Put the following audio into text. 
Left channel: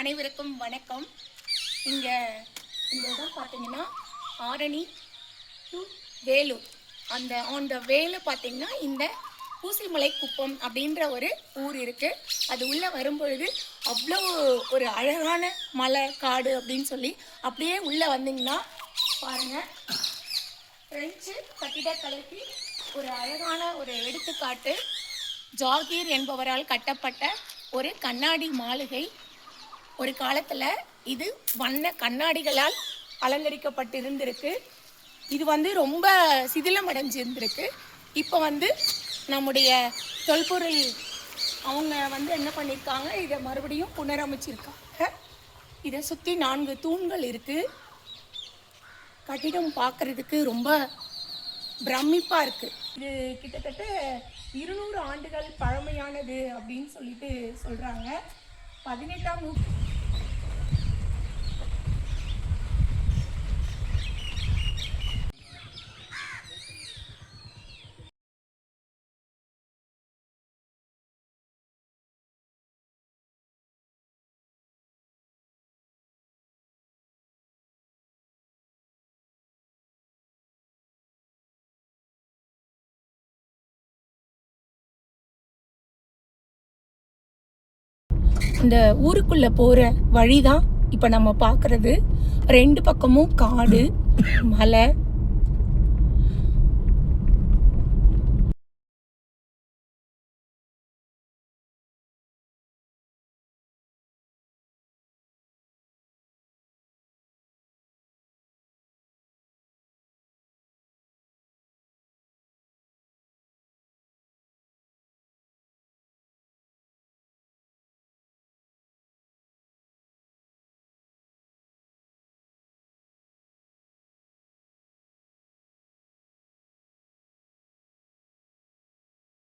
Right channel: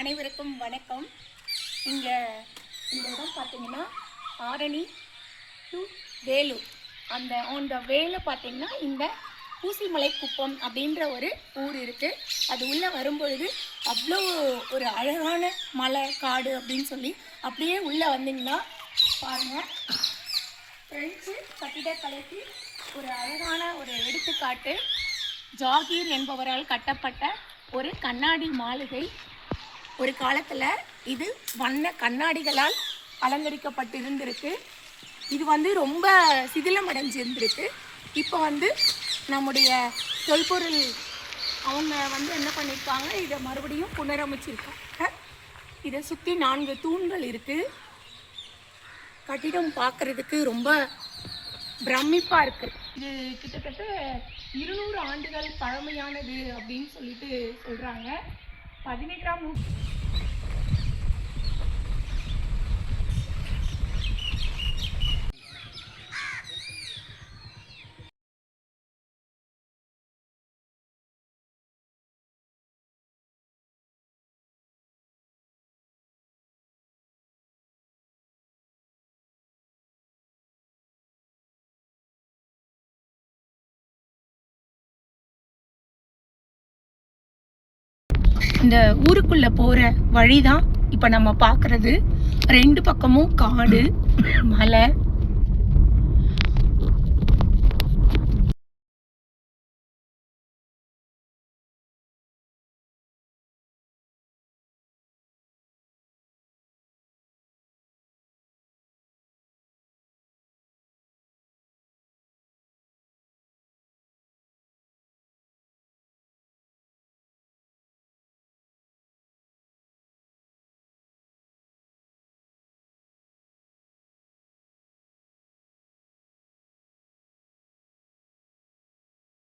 அனைவருக்கும் வணக்கம். இங்கே இந்த இடம் பார்த்தீங்கன்னா ஆரணி டு வேலூர். அந்த வேலை பார்த்தீங்கன்னா இந்த பூசிமலை குப்பம் அப்படின்ற ஒரு ஊர் இருக்குது. அது உள்ளே வரும்பொழுது அவ்வளோ ஒரு அழகான மலை காடு அப்படின்னு சொல்லி அப்படியே உள்ளே வந்தீங்கன்னா பாருங்கள், பிரெஞ்சு கட்டிடக்கலைக்கு ஒரு அழகான ஒரு எடுத்துக்காட்டு. ஜாகீர் என்பவரால் கட்டப்பட்ட ஒரு கண்ணாடி மாளிகை. ஒரு காலத்தில் இது வண்ண கண்ணாடிகளால் அலங்கரிக்கப்பட்டிருந்திருக்கு. இது ரொம்ப சிதிலமடைஞ்சிருந்திருக்கு. இப்போ நம்முடைய தொல்பொருள் அவங்க என்ன பண்ணியிருக்காங்க, இதை மறுபடியும் புனரமைச்சிருக்காங்க. இதை சுற்றி 4 தூண்கள் இருக்குது. கட்டிடம் பார்க்குறதுக்கு ரொம்ப பிரமிப்பாக இருக்குது. இது கிட்டத்தட்ட 200 ஆண்டுகள் பழமையானது அப்படின்னு சொல்லிட்டு சொல்கிறாங்க. 18ஆம் நூற்றாண்டு இந்த ஊருக்குள்ள போற வழிதான் இப்ப நம்ம பார்க்கறது. 2 பக்கமும் காடு, மலை,